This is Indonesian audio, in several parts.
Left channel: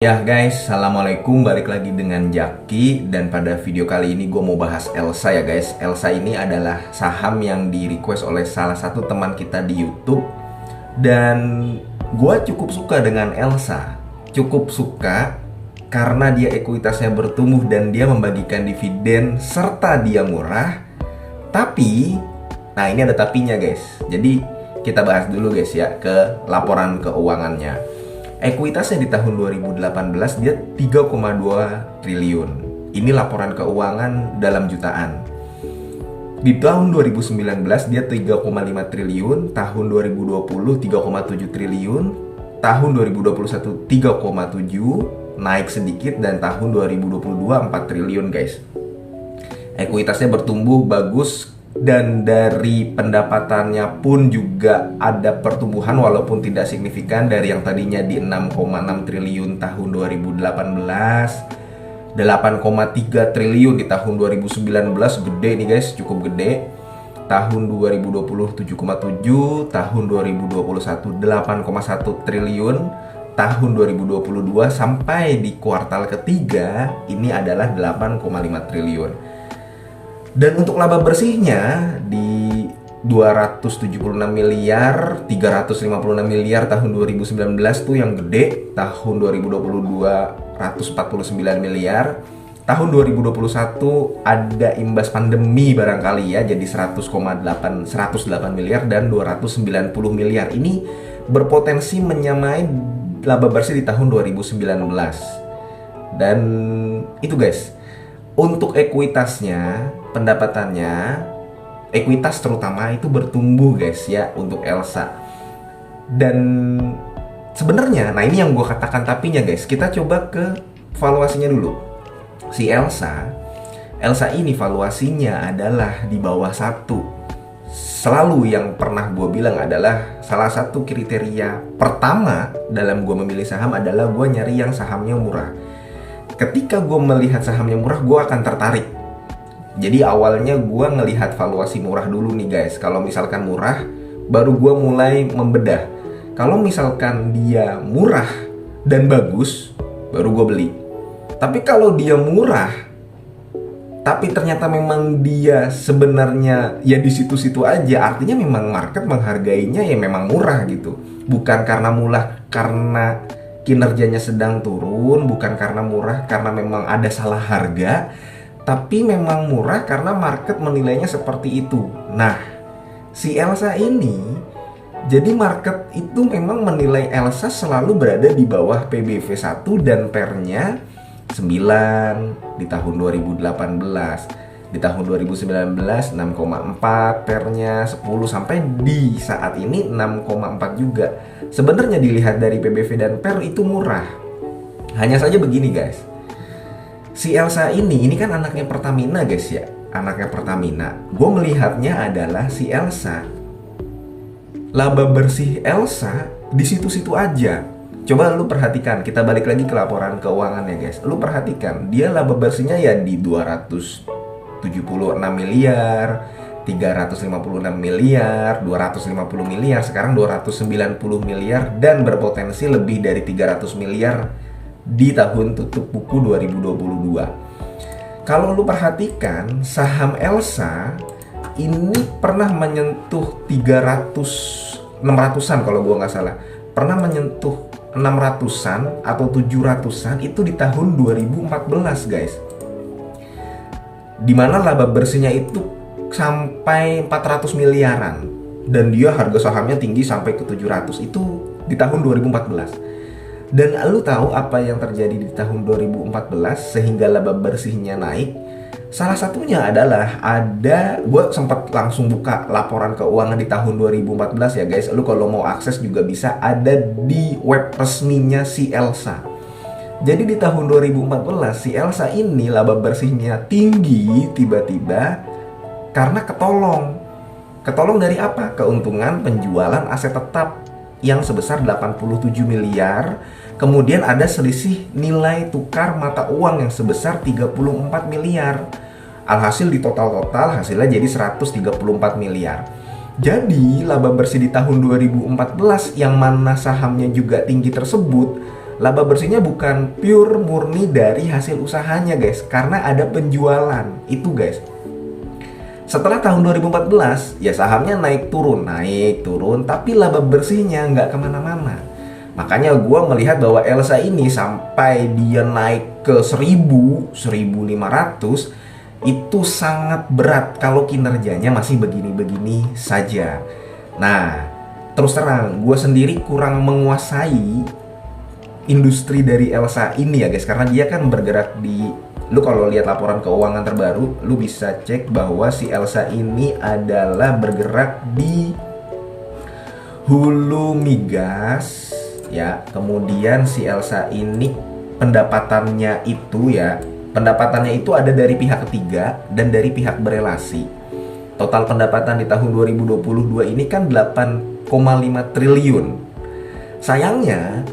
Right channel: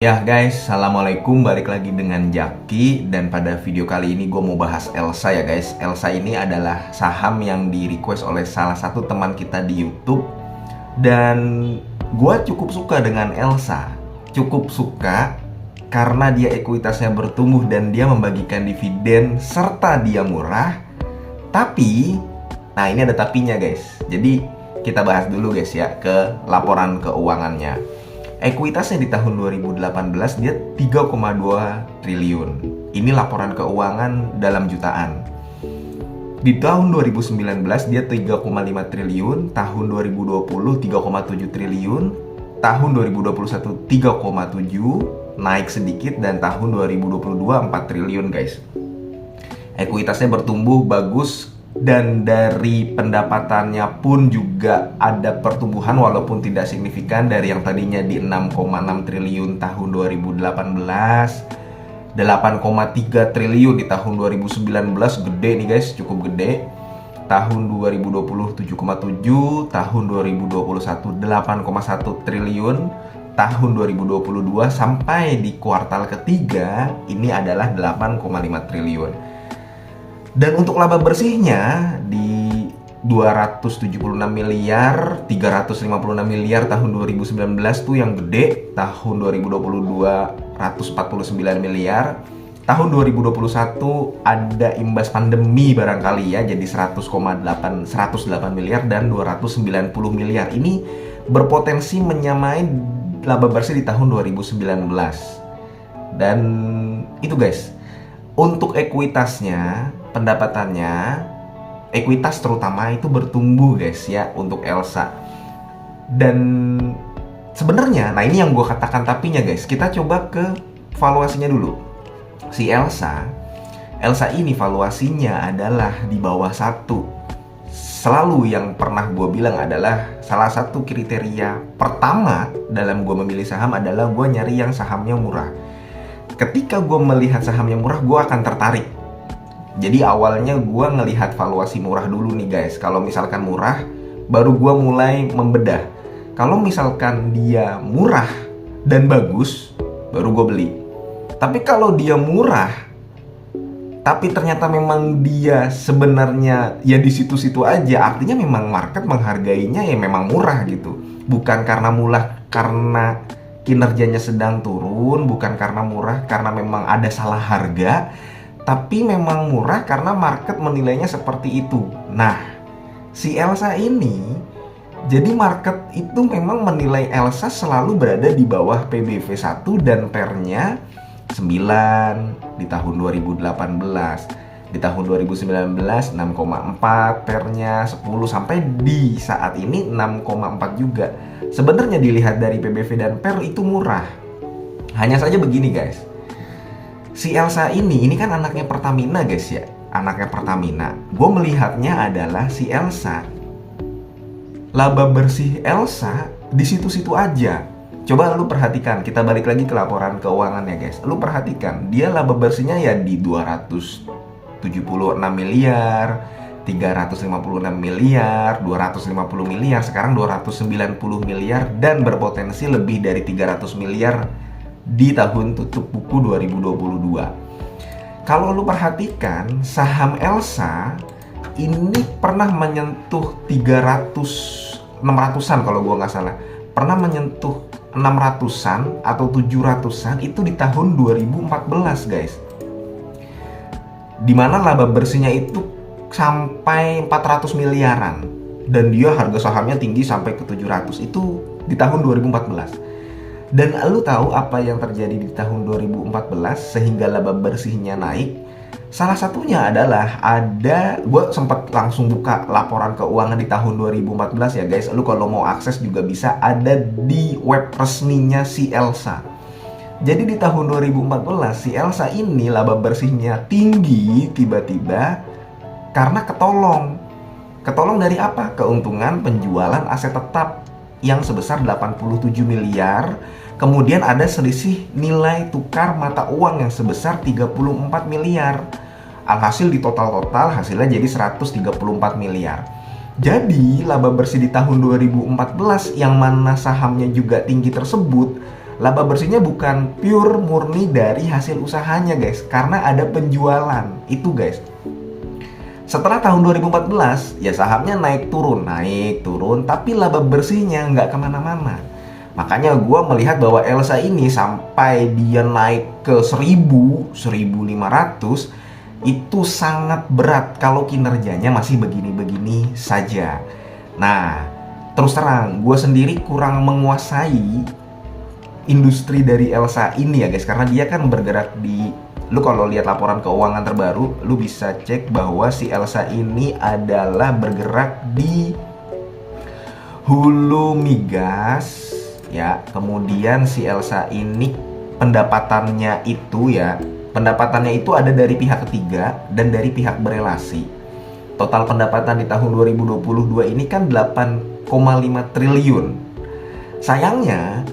Ya guys, Assalamualaikum, balik lagi dengan Jaki. Dan pada video kali ini gue mau bahas Elsa ya guys. Elsa ini adalah saham yang di request oleh salah satu teman kita di YouTube. Dan gue cukup suka dengan Elsa. Cukup suka karena dia ekuitasnya bertumbuh dan dia membagikan dividen serta dia murah. Tapi, nah ini ada tapinya guys. Jadi kita bahas dulu guys ya ke laporan keuangannya. Ekuitasnya di tahun 2018 dia 3,2 triliun. Ini laporan keuangan dalam jutaan. Di tahun 2019 dia 3,5 triliun, tahun 2020 3,7 triliun, tahun 2021 3,7, naik sedikit, dan tahun 2022 4 triliun guys. Ekuitasnya bertumbuh bagus. Dan dari pendapatannya pun juga ada pertumbuhan walaupun tidak signifikan dari yang tadinya di 6,6 triliun tahun 2018, 8,3 triliun di tahun 2019, gede nih guys, cukup gede. Tahun 2020 7,7, tahun 2021 8,1 triliun, tahun 2022 sampai di kuartal ketiga ini adalah 8,5 triliun. Dan untuk laba bersihnya di 276 miliar, 356 miliar tahun 2019 tuh yang gede. Tahun 2022 149 miliar. Tahun 2021 ada imbas pandemi barangkali ya, jadi 108 miliar dan 290 miliar. Ini berpotensi menyamai laba bersih di tahun 2019. Dan itu guys. Untuk ekuitasnya, pendapatannya, ekuitas terutama itu bertumbuh guys ya untuk Elsa. Dan sebenarnya, nah ini yang gue katakan tapinya guys. Kita coba ke valuasinya dulu. Si Elsa ini valuasinya adalah di bawah 1. Selalu yang pernah gue bilang adalah salah satu kriteria pertama dalam gue memilih saham adalah gue nyari yang sahamnya murah. Ketika gue melihat saham yang murah, gue akan tertarik. Jadi awalnya gue ngelihat valuasi murah dulu nih guys. Kalau misalkan murah, baru gue mulai membedah. Kalau misalkan dia murah dan bagus, baru gue beli. Tapi kalau dia murah, tapi ternyata memang dia sebenarnya ya di situ-situ aja, artinya memang market menghargainya ya memang murah gitu. Bukan karena murah karena kinerjanya sedang turun, bukan karena murah karena memang ada salah harga, tapi memang murah karena market menilainya seperti itu. Nah, si Elsa ini, jadi market itu memang menilai Elsa selalu berada di bawah PBV 1 dan PER-nya 9 di tahun 2018. Di tahun 2019 6,4 PER-nya 10 sampai di saat ini 6,4 juga. Sebenarnya dilihat dari PBV dan PER itu murah. Hanya saja begini guys. Si Elsa ini kan anaknya Pertamina guys ya. Anaknya Pertamina. Gue melihatnya adalah si Elsa, laba bersih Elsa di situ-situ aja. Coba lu perhatikan, kita balik lagi ke laporan keuangannya guys. Lu perhatikan, dia laba bersihnya ya di 276 miliar, 356 miliar, 250 miliar, sekarang 290 miliar, dan berpotensi lebih dari 300 miliar di tahun tutup buku 2022. Kalau lu perhatikan, saham Elsa ini pernah menyentuh 600-an kalau gua nggak salah. Pernah menyentuh 600-an atau 700-an itu di tahun 2014 guys. Dimana laba bersihnya itu sampai 400 miliaran dan dia harga sahamnya tinggi sampai ke 700, itu di tahun 2014. Dan lu tahu apa yang terjadi di tahun 2014 sehingga laba bersihnya naik? Salah satunya adalah gue sempat langsung buka laporan keuangan di tahun 2014 ya guys. Lu kalau mau akses juga bisa, ada di web resminya si Elsa. Jadi di tahun 2014 si Elsa ini laba bersihnya tinggi tiba-tiba karena ketolong. Ketolong dari apa? Keuntungan penjualan aset tetap yang sebesar 87 miliar. Kemudian ada selisih nilai tukar mata uang yang sebesar 34 miliar. Alhasil di total hasilnya jadi 134 miliar. Jadi laba bersih di tahun 2014 yang mana sahamnya juga tinggi tersebut laba bersihnya bukan pure murni dari hasil usahanya guys, karena ada penjualan itu guys. Setelah tahun 2014 ya sahamnya naik turun, tapi laba bersihnya nggak kemana-mana. Makanya gue melihat bahwa Elsa ini sampai dia naik ke 1000, 1500 itu sangat berat kalau kinerjanya masih begini-begini saja. Nah, terus terang gue sendiri kurang menguasai industri dari Elsa ini ya guys, karena dia kan bergerak di, lu kalau lihat laporan keuangan terbaru lu bisa cek bahwa si Elsa ini adalah bergerak di hulu migas ya. Kemudian si Elsa ini pendapatannya itu ada dari pihak ketiga dan dari pihak berelasi. Total pendapatan di tahun 2022 ini kan 8,5 triliun. Sayangnya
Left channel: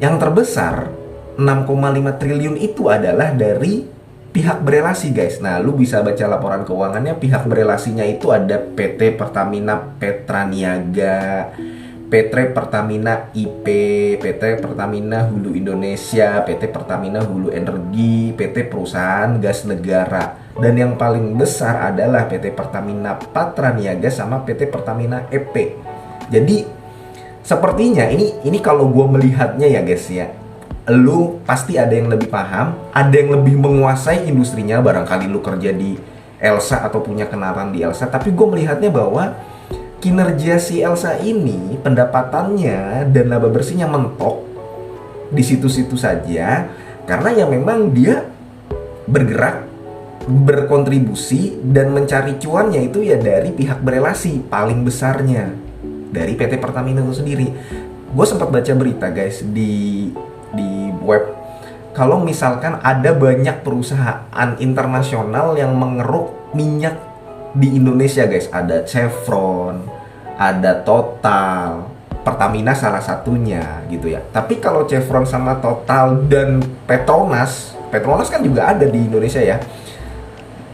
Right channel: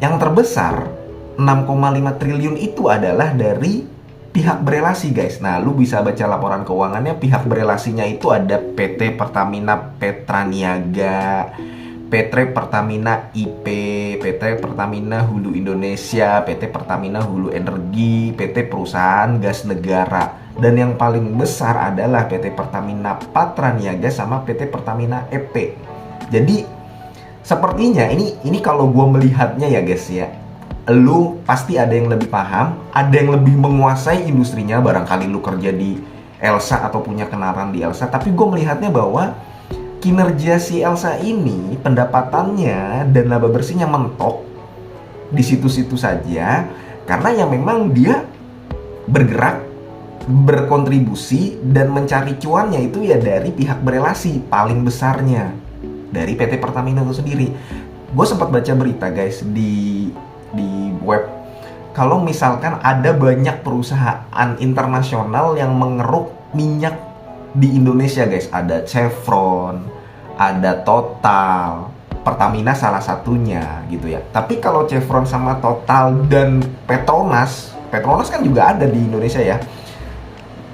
yang terbesar 6,5 triliun itu adalah dari pihak berelasi guys. Nah, lu bisa baca laporan keuangannya. Pihak berelasinya itu ada PT Pertamina Petraniaga, PT Pertamina IP, PT Pertamina Hulu Indonesia, PT Pertamina Hulu Energi, PT Perusahaan Gas Negara. Dan yang paling besar adalah PT Pertamina Patraniaga sama PT Pertamina EP. Jadi sepertinya ini kalau gue melihatnya ya guys ya, lu pasti ada yang lebih paham, ada yang lebih menguasai industrinya. Barangkali lu kerja di Elsa atau punya kenalan di Elsa. Tapi gue melihatnya bahwa kinerja si Elsa ini, pendapatannya dan laba bersihnya mentok di situ-situ saja. Karena ya memang dia bergerak, berkontribusi dan mencari cuannya itu ya dari pihak berelasi paling besarnya, dari PT Pertamina itu sendiri. Gue sempat baca berita guys di web, kalau misalkan ada banyak perusahaan internasional yang mengeruk minyak di Indonesia guys. Ada Chevron, ada Total, Pertamina salah satunya gitu ya. Tapi kalau Chevron sama Total dan Petronas kan juga ada di Indonesia ya,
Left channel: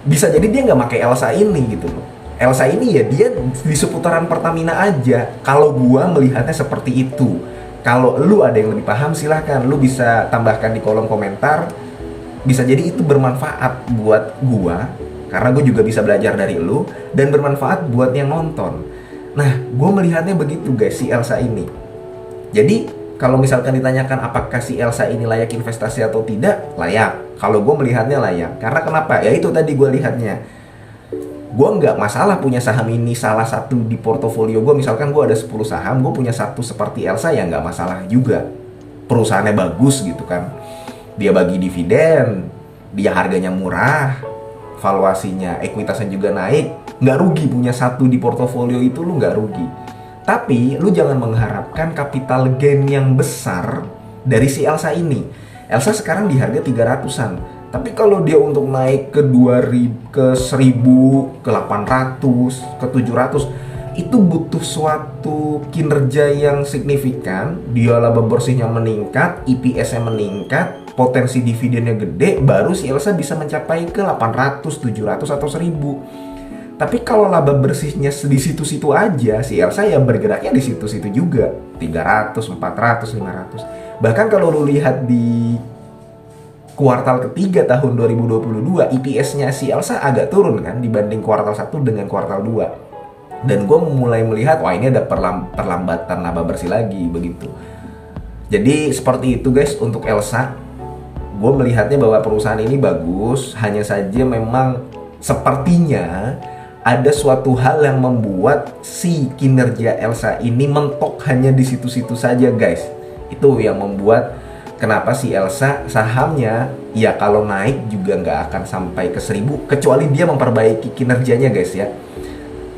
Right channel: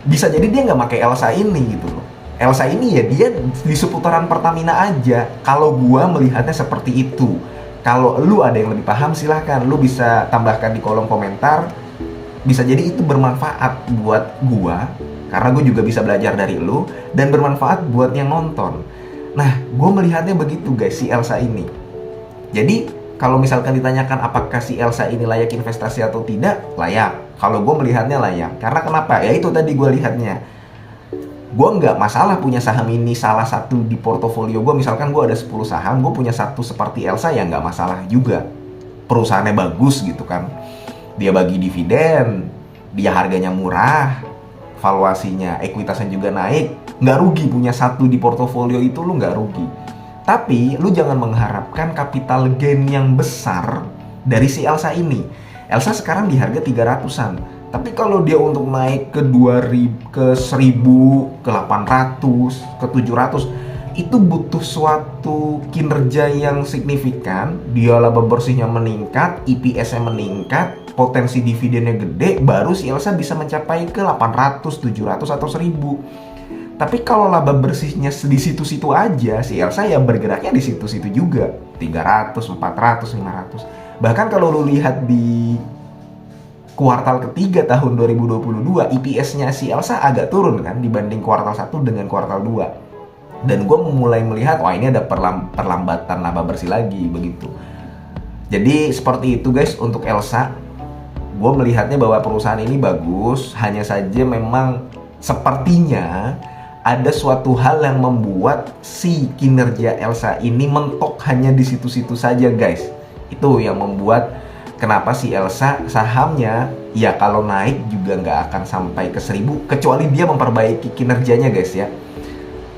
bisa jadi dia nggak pakai Elsa ini gitu loh. Elsa ini ya dia di seputaran Pertamina aja. Kalau gua melihatnya seperti itu. Kalau lu ada yang lebih paham silahkan lu bisa tambahkan di kolom komentar. Bisa jadi itu bermanfaat buat gua, karena gue juga bisa belajar dari lu, dan bermanfaat buat yang nonton. Nah, gue melihatnya begitu guys si Elsa ini. Jadi kalau misalkan ditanyakan apakah si Elsa ini layak investasi atau tidak, layak. Kalau gue melihatnya layak. Karena kenapa? Ya itu tadi gue lihatnya. Gue nggak masalah punya saham ini salah satu di portofolio gue. Misalkan gue ada 10 saham, gue punya satu seperti Elsa, ya nggak masalah juga. Perusahaannya bagus gitu kan. Dia bagi dividen, dia harganya murah, valuasinya, ekuitasnya juga naik. Nggak rugi punya satu di portofolio itu, lu nggak rugi. Tapi lu jangan mengharapkan capital gain yang besar dari si Elsa ini. Elsa sekarang di harga 300-an. Tapi kalau dia untuk naik ke 2000, ke 1000, ke 800, ke 700, itu butuh suatu kinerja yang signifikan. Dia laba bersihnya meningkat, EPS-nya meningkat, potensi dividennya gede, baru si Elsa bisa mencapai ke 800, 700 atau 1000. Tapi kalau laba bersihnya di situ-situ aja, si Elsa ya bergeraknya di situ-situ juga, 300, 400, 500. Bahkan kalau lu lihat di kuartal ketiga tahun 2022, EPS-nya si Elsa agak turun kan dibanding kuartal 1 dengan kuartal 2. Dan gue mulai melihat, wah ini ada perlambatan laba bersih lagi begitu. Jadi seperti itu guys untuk Elsa. Gue melihatnya bahwa perusahaan ini bagus, hanya saja memang sepertinya ada suatu hal yang membuat si kinerja Elsa ini mentok hanya di situ-situ saja guys. Itu yang membuat kenapa si Elsa sahamnya ya kalau naik juga nggak akan sampai ke 1000, kecuali dia memperbaiki kinerjanya guys ya.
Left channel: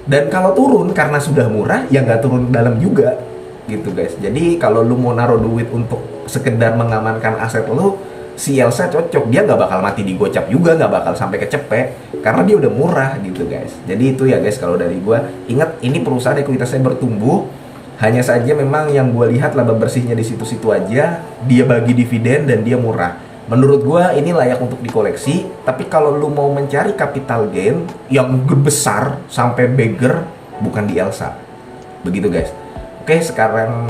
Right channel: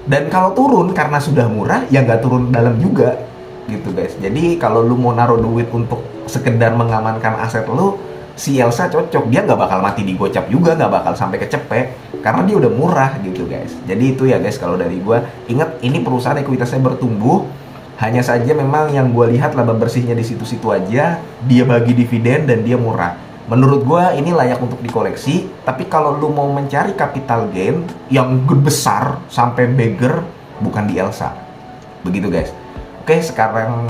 Dan kalau turun karena sudah murah ya nggak turun dalam juga gitu guys. Jadi kalau lu mau naruh duit untuk sekedar mengamankan aset lu, si Elsa cocok. Dia nggak bakal mati di gocap juga, nggak bakal sampai kecepek karena dia udah murah gitu guys. Jadi itu ya guys kalau dari gua. Ingat ini perusahaan ekuitasnya bertumbuh. Hanya saja memang yang gue lihat laba bersihnya di situ-situ aja. Dia bagi dividen dan dia murah. Menurut gue ini layak untuk dikoleksi. Tapi kalau lu mau mencari capital gain yang besar sampai beggar, bukan di Elsa. Begitu guys. Oke, sekarang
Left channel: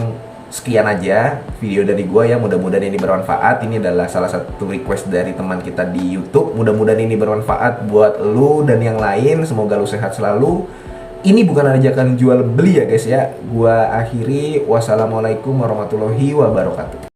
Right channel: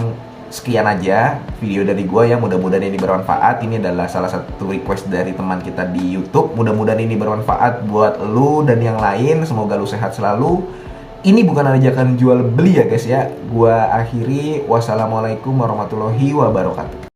sekian aja video dari gue ya, mudah-mudahan ini bermanfaat. Ini adalah salah satu request dari teman kita di YouTube. Mudah-mudahan ini bermanfaat buat lu dan yang lain. Semoga lu sehat selalu. Ini bukan ajakan jual beli ya guys ya. Gua akhiri, wassalamualaikum warahmatullahi wabarakatuh.